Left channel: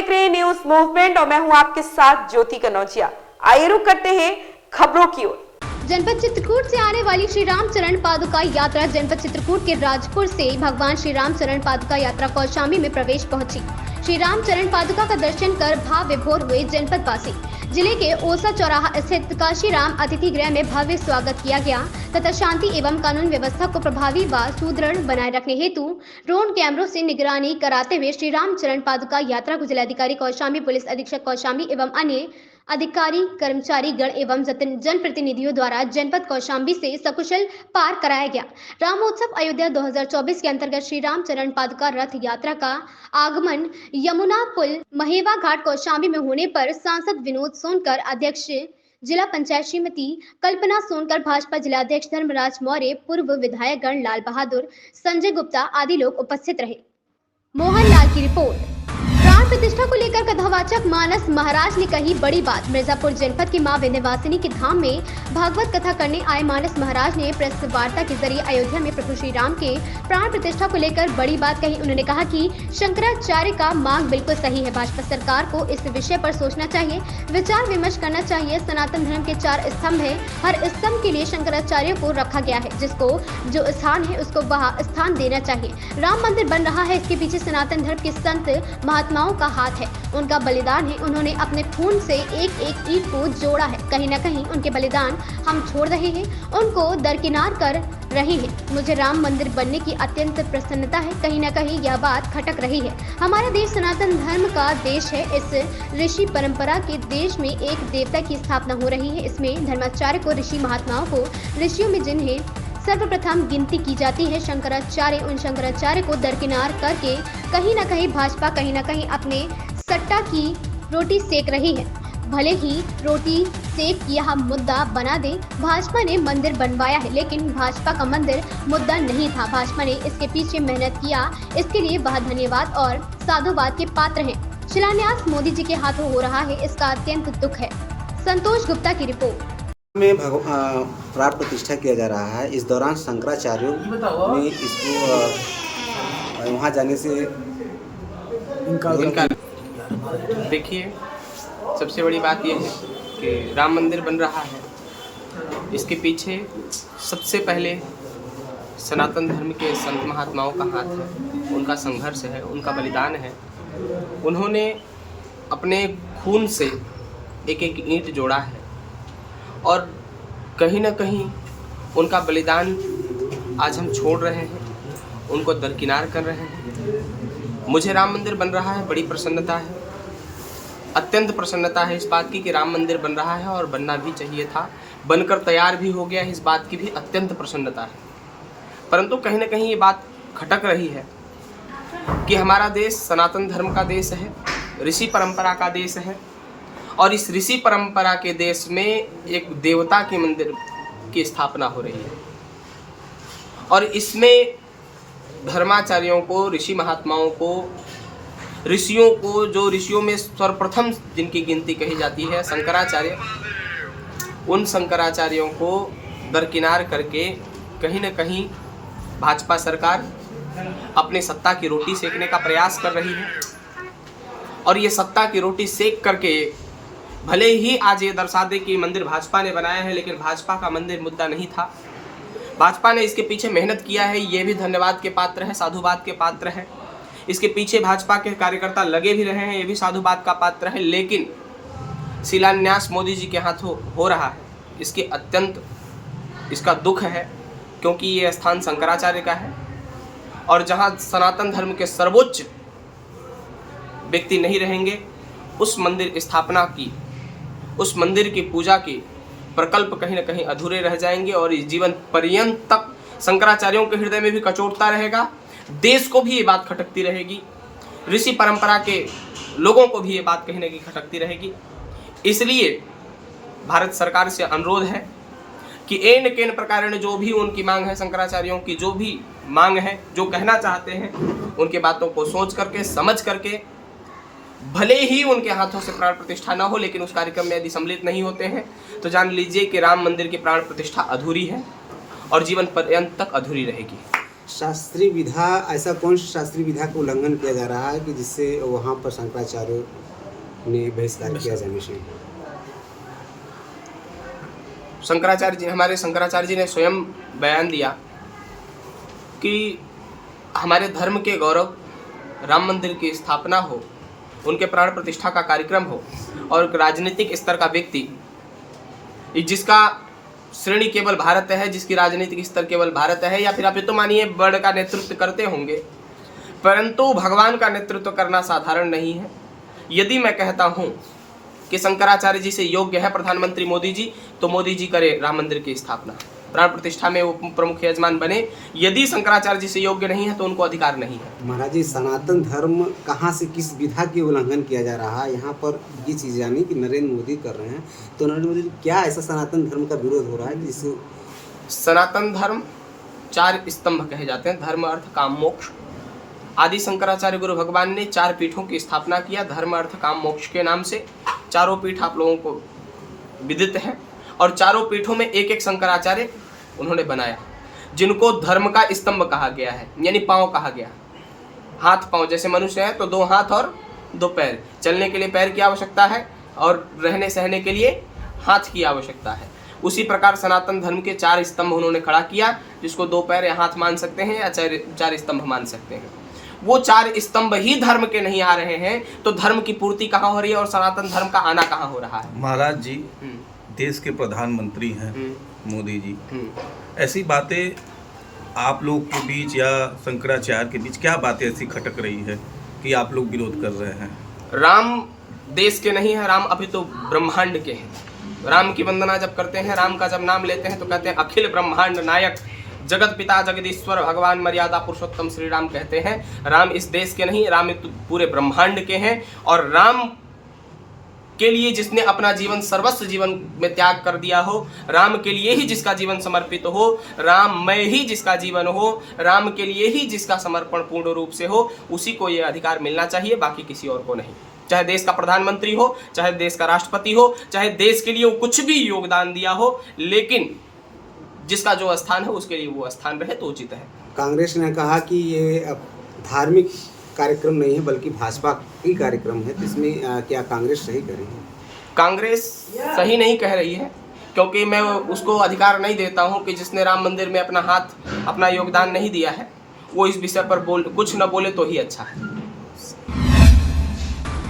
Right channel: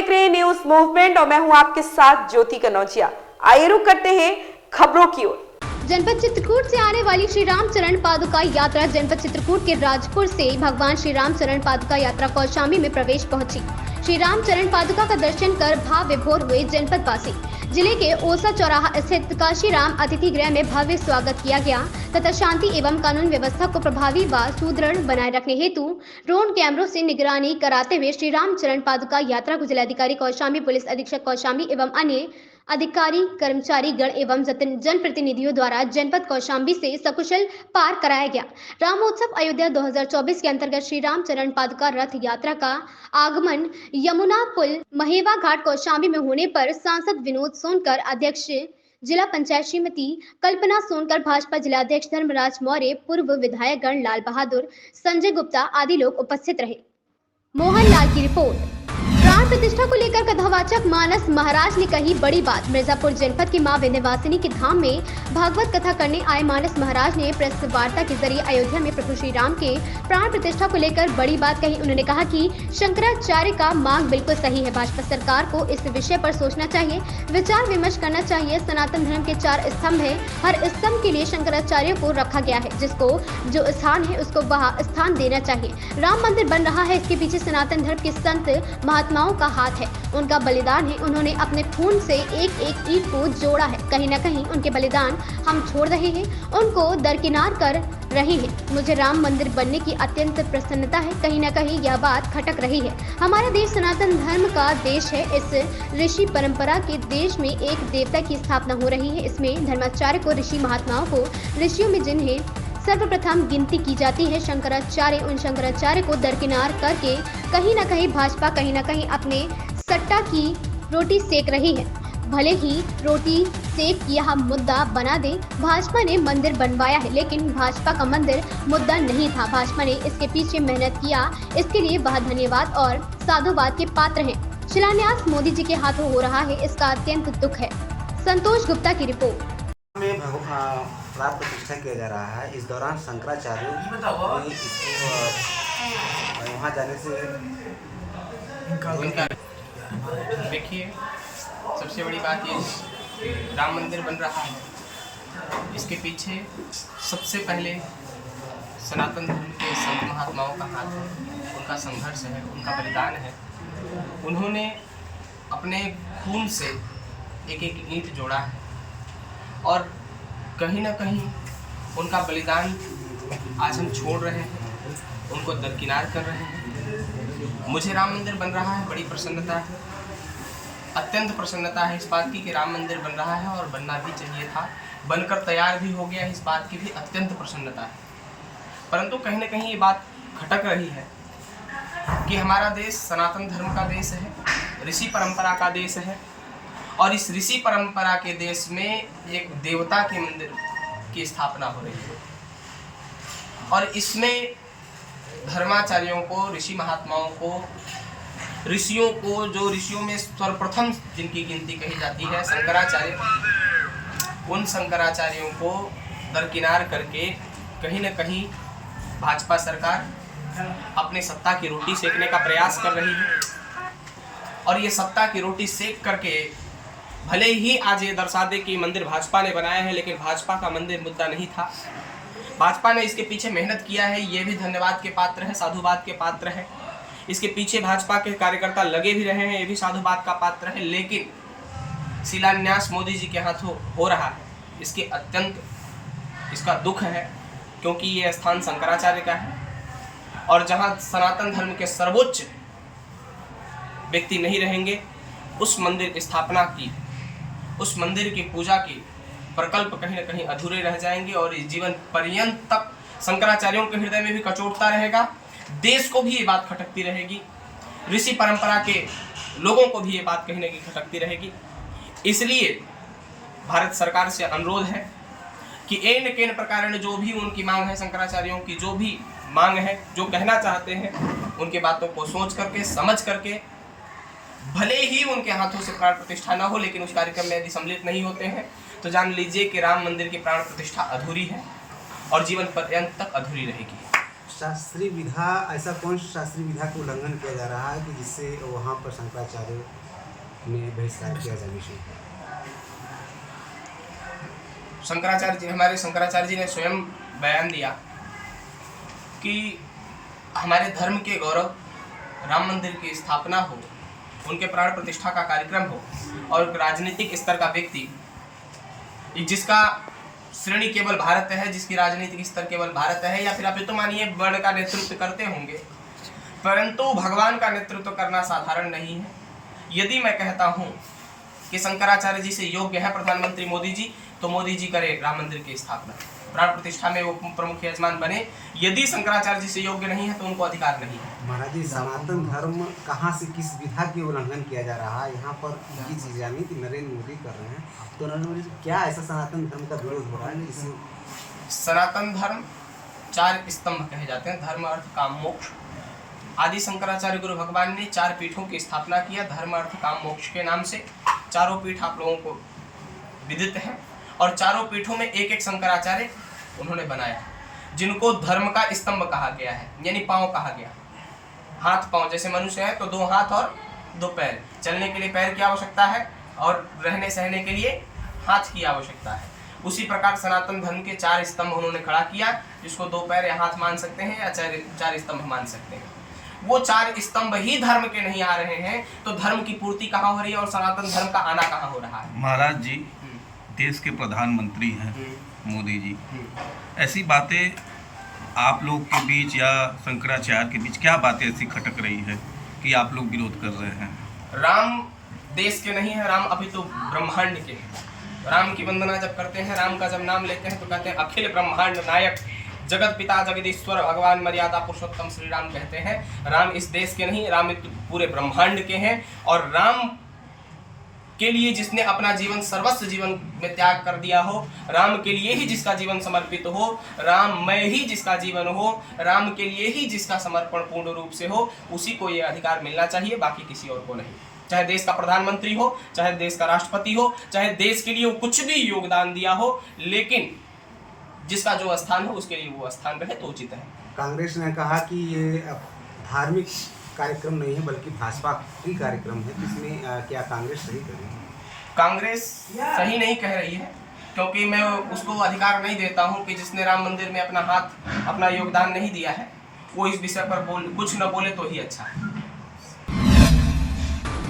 देख रहे हैं न्यूज मूवमेंट और मैं हूं आपके साथ ज्योति कनौजिया। आइए रुक करते हैं खबरों की ओर। जनपद चित्रकूट से आने वाली श्री रामचरण पादुका यात्रा जनपद चित्रकूट के राजपुर से भगवान श्री रामचरण पादुका यात्रा कौशाम्बी में प्रवेश पहुंची। श्री रामचरण पादुका का दर्शन कर भाव विभोर हुए जनपद वासी। जिले के ओसा चौराहा स्थित काशीराम अतिथि गृह में भव्य स्वागत किया गया तथा शांति एवं कानून व्यवस्था को प्रभावी व सुदृढ़ बनाए रखने हेतु ड्रोन कैमरों से निगरानी कराते हुए श्री रामचरण पादुका यात्रा को जिलाधिकारी कौशाम्बी, पुलिस अधीक्षक कौशाम्बी एवं अन्य अधिकारी, कर्मचारी गण एवं जनप्रतिनिधियों द्वारा जनपद कौशाम्बी से सकुशल पार कराया गया। रामोत्सव अयोध्या 2024 के अंतर्गत श्री रामचरण पादुका रथ यात्रा का आगमन यमुना पुल महेवा घाट कौशाम्बी में होने पर सांसद विनोद सोनकर, अध्यक्ष जिला पंचायत श्रीमती कल्पना सोनकर, भाजपा जिलाध्यक्ष धर्मराज मौर्य, पूर्व विधायक गण लाल बहादुर, संजय गुप्ता आदि लोग उपस्थित रहे। मोहनलाल की रिपोर्ट। प्राण प्रतिष्ठा को लेकर कथावाचक मानस महाराज ने कही बड़ी बात। मिर्जापुर जनपद के मां विंध्यवासिनी के धाम में भागवत कथा करने आए मानस महाराज ने प्रेस वार्ता के जरिए अयोध्या में प्रभु श्री राम के प्राण प्रतिष्ठा को लेकर बड़ी बात कही। उन्होंने कहा कि शंकराचार्य का मांग बिल्कुल सही है। भाजपा सरकार को इस विषय पर सोचना चाहिए, विचार विमर्श करना चाहिए। सनातन धर्म के 4 स्तंभ है, हर स्तंभ के लिए शंकराचार्य को रखा गया है, जिसको जो स्थान है उसको वहाँ स्थान देना चाहिए। राम मंदिर बन रहा है, इसके पीछे सनातन धर्म के संत महात्माओं का हाथ है, उनका बलिदान है। उन्होंने अपने खून से एक एक ईंट को जोड़ा है। कहीं न कहीं उनके बलिदान हम छोड़ रहे हैं, उनको दरकिनार कर रहे हैं। मुझे राम मंदिर बनने की अत्यंत प्रसन्नता है। कहीं न कहीं यह बात खटक रही है। हमारा देश सनातन धर्म का देश है। इस ऋषि परंपरा के देश में एक देवता की स्थापना हो रही है। इसमें धर्माचार्य को, ऋषि महात्माओं को, ऋषियों में जिन्हें सर्वप्रथम गिनती की जाती है शंकराचार्य, उन शंकराचार्य को दरकिनार करके कहीं न कहीं भाजपा कहीं न कहीं अपने सट्टा की रोटी सेक रही है। भले ही रोटी सेक यह मुद्दा बना दे। भाजपा ने मंदिर बनवाया है, लेकिन भाजपा का मंदिर मुद्दा नहीं था। भाजपा ने इसके पीछे मेहनत किया, इसके लिए वह धन्यवाद और साधुवाद के पात्र हैं। शिलान्यास मोदी जी के हाथों हो रहा है, इसका अत्यंत दुख है। संतोष गुप्ता की रिपोर्ट। में प्राण प्रतिष्ठा किया जा रहा है। इस दौरान शंकराचार्यों ने इसको वहाँ जाने से इनका देखिए, सबसे बड़ी बात यह है कि राम मंदिर बन रहा है, इसके पीछे सबसे पहले सनातन धर्म के संत महात्माओं का हाथ है, उनका संघर्ष है, उनका बलिदान है। उन्होंने अपने खून से एक एक ईंट जोड़ा है और कहीं ना कहीं उनका बलिदान आज हम छोड़ रहे हैं, उनको दरकिनार कर रहे हैं। मुझे राम मंदिर बन रहा है, बड़ी प्रसन्नता है, अत्यंत प्रसन्नता है इस बात की कि राम मंदिर बन रहा है और बनना भी चाहिए था, बनकर तैयार भी हो गया है, इस बात की भी अत्यंत प्रसन्नता है। परंतु कहीं ना कहीं ये बात खटक रही है कि हमारा देश सनातन धर्म का देश है, ऋषि परंपरा का देश है और इस ऋषि परंपरा के देश में एक देवता के मंदिर की स्थापना हो रही है और इसमें धर्माचार्यों को, ऋषि महात्माओं को, ऋषियों को, जो ऋषियों में सर्वप्रथम जिनकी गिनती कही जाती है शंकराचार्य, उन शंकराचार्यों को दरकिनार करके कहीं न कहीं भाजपा सरकार अपने सत्ता की रोटी सेकने का प्रयास कर रही है और ये सत्ता की रोटी सेक करके भले ही आज ये दर्शा दे कि मंदिर भाजपा ने बनाया है, लेकिन भाजपा का मंदिर मुद्दा नहीं था। भाजपा ने इसके पीछे मेहनत किया है, ये भी धन्यवाद के पात्र है, साधुवाद के पात्र है। इसके पीछे भाजपा के कार्यकर्ता लगे भी रहे हैं, ये भी साधुवाद का पात्र है। लेकिन शिलान्यास मोदी जी के हाथों हो रहा है, इसकी अत्यंत इसका दुख है, क्योंकि ये स्थान शंकराचार्य का है और जहाँ सनातन धर्म के सर्वोच्च व्यक्ति नहीं रहेंगे, उस मंदिर स्थापना की, उस मंदिर की पूजा की प्रकल्प कहीं ना कहीं अधूरे रह जाएंगे और इस जीवन पर्यंत तक शंकराचार्यों के हृदय में भी कचोटता रहेगा। देश को भी ये बात खटकती रहेगी, ऋषि परंपरा के लोगों को भी ये बात कहीं ना कहीं खटकती रहेगी। इसलिए भारत सरकार से अनुरोध है कि एन केन प्रकार जो भी उनकी मांग है, शंकराचार्यों की जो भी मांग है, जो कहना चाहते हैं, उनके बातों को सोच करके, समझ करके, भले ही उनके हाथों से प्राण प्रतिष्ठा न हो, लेकिन उस कार्यक्रम में यदि सम्मिलित नहीं होते हैं तो जान लीजिए कि राम मंदिर की प्राण प्रतिष्ठा अधूरी है और जीवन पर्यंत तक अधूरी रहेगी। शास्त्रीय विधा, ऐसा कौन सी शास्त्रीय विधा का उल्लंघन किया जा रहा है कि जिससे वहाँ पर शंकराचार्य ने बहिष्कार किया जाने से? हमारे शंकराचार्य जी ने स्वयं बयान दिया कि हमारे धर्म के गौरव, राम मंदिर की स्थापना हो, उनके प्राण प्रतिष्ठा का कार्यक्रम हो, और राजनीतिक स्तर का व्यक्ति जिसका श्रेणी केवल भारत है, जिसकी राजनीतिक स्तर केवल भारत है, या फिर आप ये तो मानिए वर्ल्ड का नेतृत्व करते होंगे, परंतु भगवान का नेतृत्व करना साधारण नहीं है। यदि मैं कहता हूँ कि शंकराचार्य जी से योग्य है प्रधानमंत्री मोदी जी, तो मोदी जी करे राम मंदिर की स्थापना, प्राण प्रतिष्ठा में वो प्रमुख यजमान बने। यदि शंकराचार्य जी से योग्य नहीं है तो उनको अधिकार नहीं है। महाराज जी, सनातन धर्म कहाँ से, किस विधा की उल्लंघन किया जा रहा है? यहाँ पर ये चीज़ जानी कि नरेंद्र मोदी कर रहे हैं, तो नरेंद्र मोदी क्या ऐसा सनातन धर्म का विरोध हो रहा है जिससे? सनातन धर्म 4 स्तंभ कहे जाते हैं, धर्म अर्थ काम मोक्ष। आदि शंकराचार्य गुरु भगवान ने 4 पीठों की स्थापना किया, धर्म अर्थ काम मोक्ष के नाम से। चारों पीठ आप लोगों को विदित है, और चारों पीठों में एक एक शंकराचार्य उन्होंने बनाया, जिनको धर्म का स्तंभ कहा गया है, यानी पांव कहा गया। हाथ पांव, जैसे मनुष्य है तो 2 हाथ और 2 पैर, चलने के लिए पैर की आवश्यकता है और रहने सहने के लिए हाथ की आवश्यकता है। उसी प्रकार सनातन धर्म के 4 स्तंभ उन्होंने खड़ा किया, जिसको 2 पैर या हाथ मान सकते हैं, या 4 स्तंभ मान सकते हैं। वो 4 स्तंभ ही धर्म के नहीं आ रहे हैं, तो धर्म की पूर्ति कहाँ हो रही है और सनातन धर्म का आना कहाँ हो रहा है? महाराज जी देश के प्रधानमंत्री हैं मोदी जी, ऐसी बातें आप लोग के बीच या शंकराचार्य के बीच क्या बातें ऐसी खटक रही है कि आप लोग विरोध कर रहे हैं? राम देश के नहीं है, राम अभी तो ब्रह्मांड के हैं। राम की वंदना जब करते हैं, राम का जब नाम लेते हैं तो कहते हैं अखिल ब्रह्मांड नायक जगत पिता जगदीश्वर भगवान मर्यादा पुरुषोत्तम श्री राम कहते हैं। राम इस देश के नहीं, राम पूरे ब्रह्मांड के हैं। और राम के लिए जिसने अपना जीवन सर्वस्व जीवन में त्याग कर दिया हो, राम के लिए ही जिसका जीवन समर्पित हो, राममय ही जिसका जीवन हो, राम के लिए ही जिसका समर्पण पूर्ण रूप से हो, उसी को ये अधिकार मिलना चाहिए, बाकी किसी और को नहीं। चाहे देश का प्रधानमंत्री हो, चाहे देश का राष्ट्रपति हो, चाहे देश के लिए वो कुछ भी योगदान दिया हो, लेकिन जिसका जो स्थान है उसके लिए वो स्थान रहे तो उचित है। कांग्रेस ने कहा कि ये धार्मिक कार्यक्रम नहीं है बल्कि भाजपा की कार्यक्रम है, इसमें क्या कांग्रेस सही करेगी? कांग्रेस सही नहीं कह रही है, क्योंकि मैं उसको अधिकार नहीं देता हूं कि जिसने राम मंदिर में अपना योगदान नहीं दिया है, वो इस विषय पर कुछ न बोले तो ही अच्छा है।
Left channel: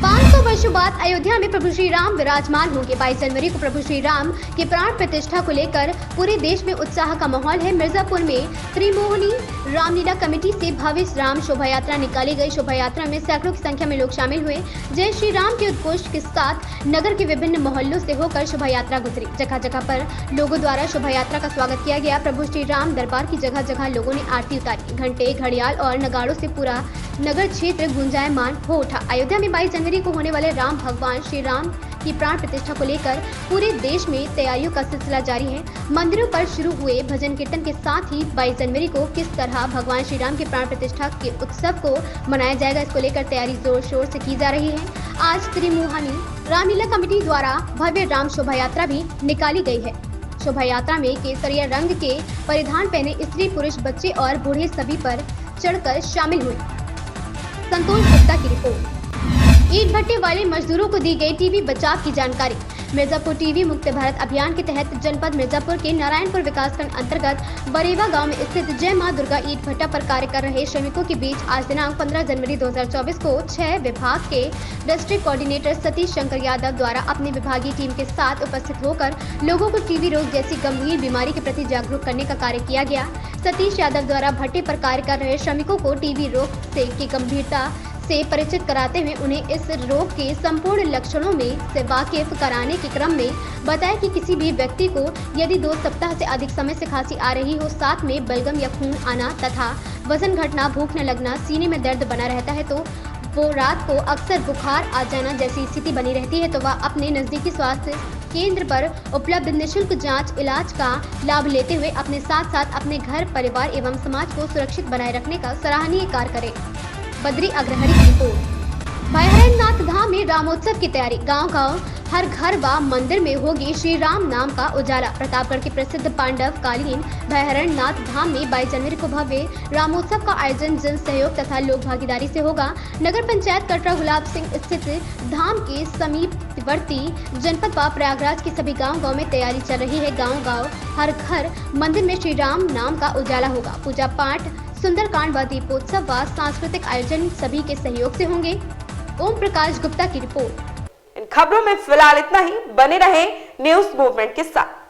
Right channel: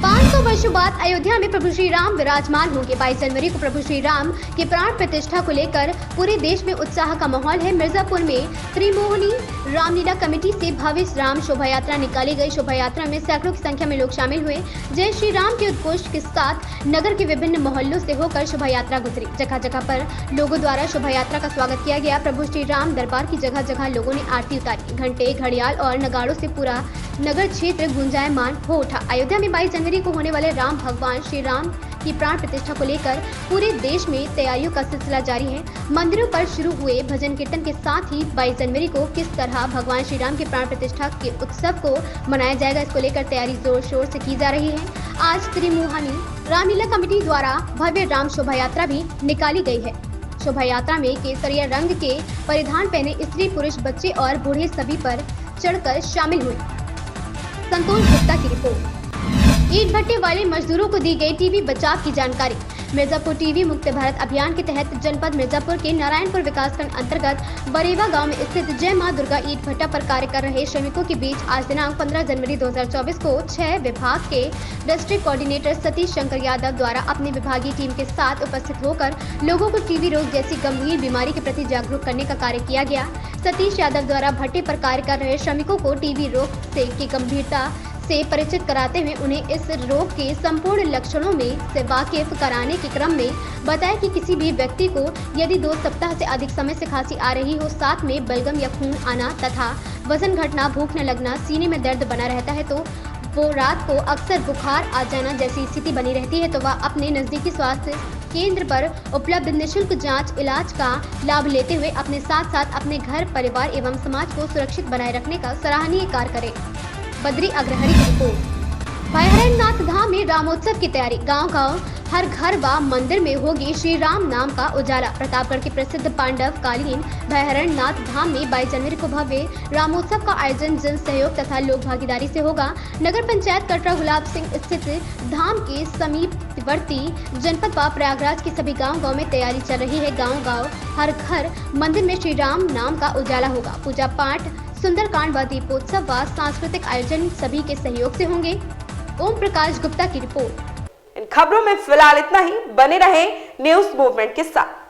500 वर्षों बाद अयोध्या में प्रभु श्री राम विराजमान होंगे। 22 जनवरी को प्रभु श्री राम के प्राण प्रतिष्ठा को लेकर पूरे देश में उत्साह का माहौल है। मिर्जापुर में त्रिमोहनी रामलीला कमेटी से भव्य राम शोभा यात्रा निकाली गई। शोभा यात्रा में सैकड़ों की संख्या में लोग शामिल हुए। जय श्री राम के उद्घोष के साथ नगर के विभिन्न मोहल्लों से होकर शोभा यात्रा गुजरी। जगह जगह पर लोगों द्वारा शोभा यात्रा का स्वागत किया गया। प्रभु श्री राम दरबार की जगह जगह लोगों ने आरती उतारी। घंटे, घड़ियाल और नगाड़ों से पूरा नगर क्षेत्र गुंजायमान हो उठा। अयोध्या में 22 जनवरी को होने वाले राम भगवान श्री राम की प्राण प्रतिष्ठा को लेकर पूरे देश में तैयारियों का सिलसिला जारी है। मंदिरों पर शुरू हुए भजन कीर्तन के साथ ही 22 जनवरी को किस तरह भगवान श्री राम के प्राण प्रतिष्ठा के उत्सव को मनाया जाएगा, इसको लेकर तैयारी जोर शोर से की जा रही है। आज त्रिमोहनी रामलीला कमेटी द्वारा भव्य राम शोभा यात्रा भी निकाली गई है। शोभा यात्रा में केसरिया रंग के परिधान पहने स्त्री, पुरुष, बच्चे और बूढ़े सभी पर चढ़कर शामिल हुए। संतोष गुप्ता की रिपोर्ट। ईंट भट्टे वाले मजदूरों को दी गई टीबी बचाव की जानकारी। मिर्जापुर टीबी मुक्त भारत अभियान के तहत जनपद मिर्जापुर के नारायणपुर विकासखंड अंतर्गत बरेवा गांव में स्थित जय मां दुर्गा ईंट भट्टा पर कार्य कर रहे श्रमिकों के बीच आज दिनांक 15 जनवरी 2024 को 6 विभाग के डिस्ट्रिक्ट कोऑर्डिनेटर सतीश शंकर यादव द्वारा अपनी विभागीय टीम के साथ उपस्थित होकर लोगों को टीबी रोग जैसी गंभीर बीमारी के प्रति जागरूक करने का कार्य किया गया। सतीश यादव द्वारा भट्टे पर कार्य कर रहे श्रमिकों को टीबी रोग की गंभीरता से परिचित कराते हुए उन्हें इस रोग के संपूर्ण लक्षणों में से वाकिफ कराने के क्रम में बताया कि किसी भी व्यक्ति को यदि 2 सप्ताह से अधिक समय से खांसी आ रही हो, साथ में बलगम या खून आना तथा वजन घटना, भूख न लगना, सीने में दर्द बना रहता है, तो वो रात को अक्सर बुखार आ जाना जैसी स्थिति बनी रहती है, तो वह अपने नजदीकी स्वास्थ्य केंद्र पर उपलब्ध निःशुल्क जांच इलाज का लाभ लेते हुए अपने साथ साथ अपने घर, परिवार एवं समाज को सुरक्षित बनाए रखने का सराहनीय कार्य करें। बद्री अग्रहरी की रिपोर्ट। भाई हरेंद्रनाथ धाम में रामोत्सव की तैयारी। गांव-गांव हर घर व मंदिर में होगी श्री राम नाम का उजाला। प्रतापगढ़ के प्रसिद्ध पांडव कालीन भैरन नाथ धाम में 22 जनवरी को भव्य रामोत्सव का आयोजन जन सहयोग तथा लोक भागीदारी से होगा। नगर पंचायत कटरा गुलाब सिंह स्थित धाम के समीपवर्ती जनपद व प्रयागराज के सभी गांव में तैयारी चल रही है। गांव हर घर मंदिर में श्री राम नाम का उजाला होगा। पूजा पाठ, सुंदरकांड व दीपोत्सव व सांस्कृतिक आयोजन सभी के सहयोग से होंगे। ओम प्रकाश गुप्ता की रिपोर्ट। इन खबरों में फिलहाल इतना ही। बने रहे न्यूज मूवमेंट के साथ।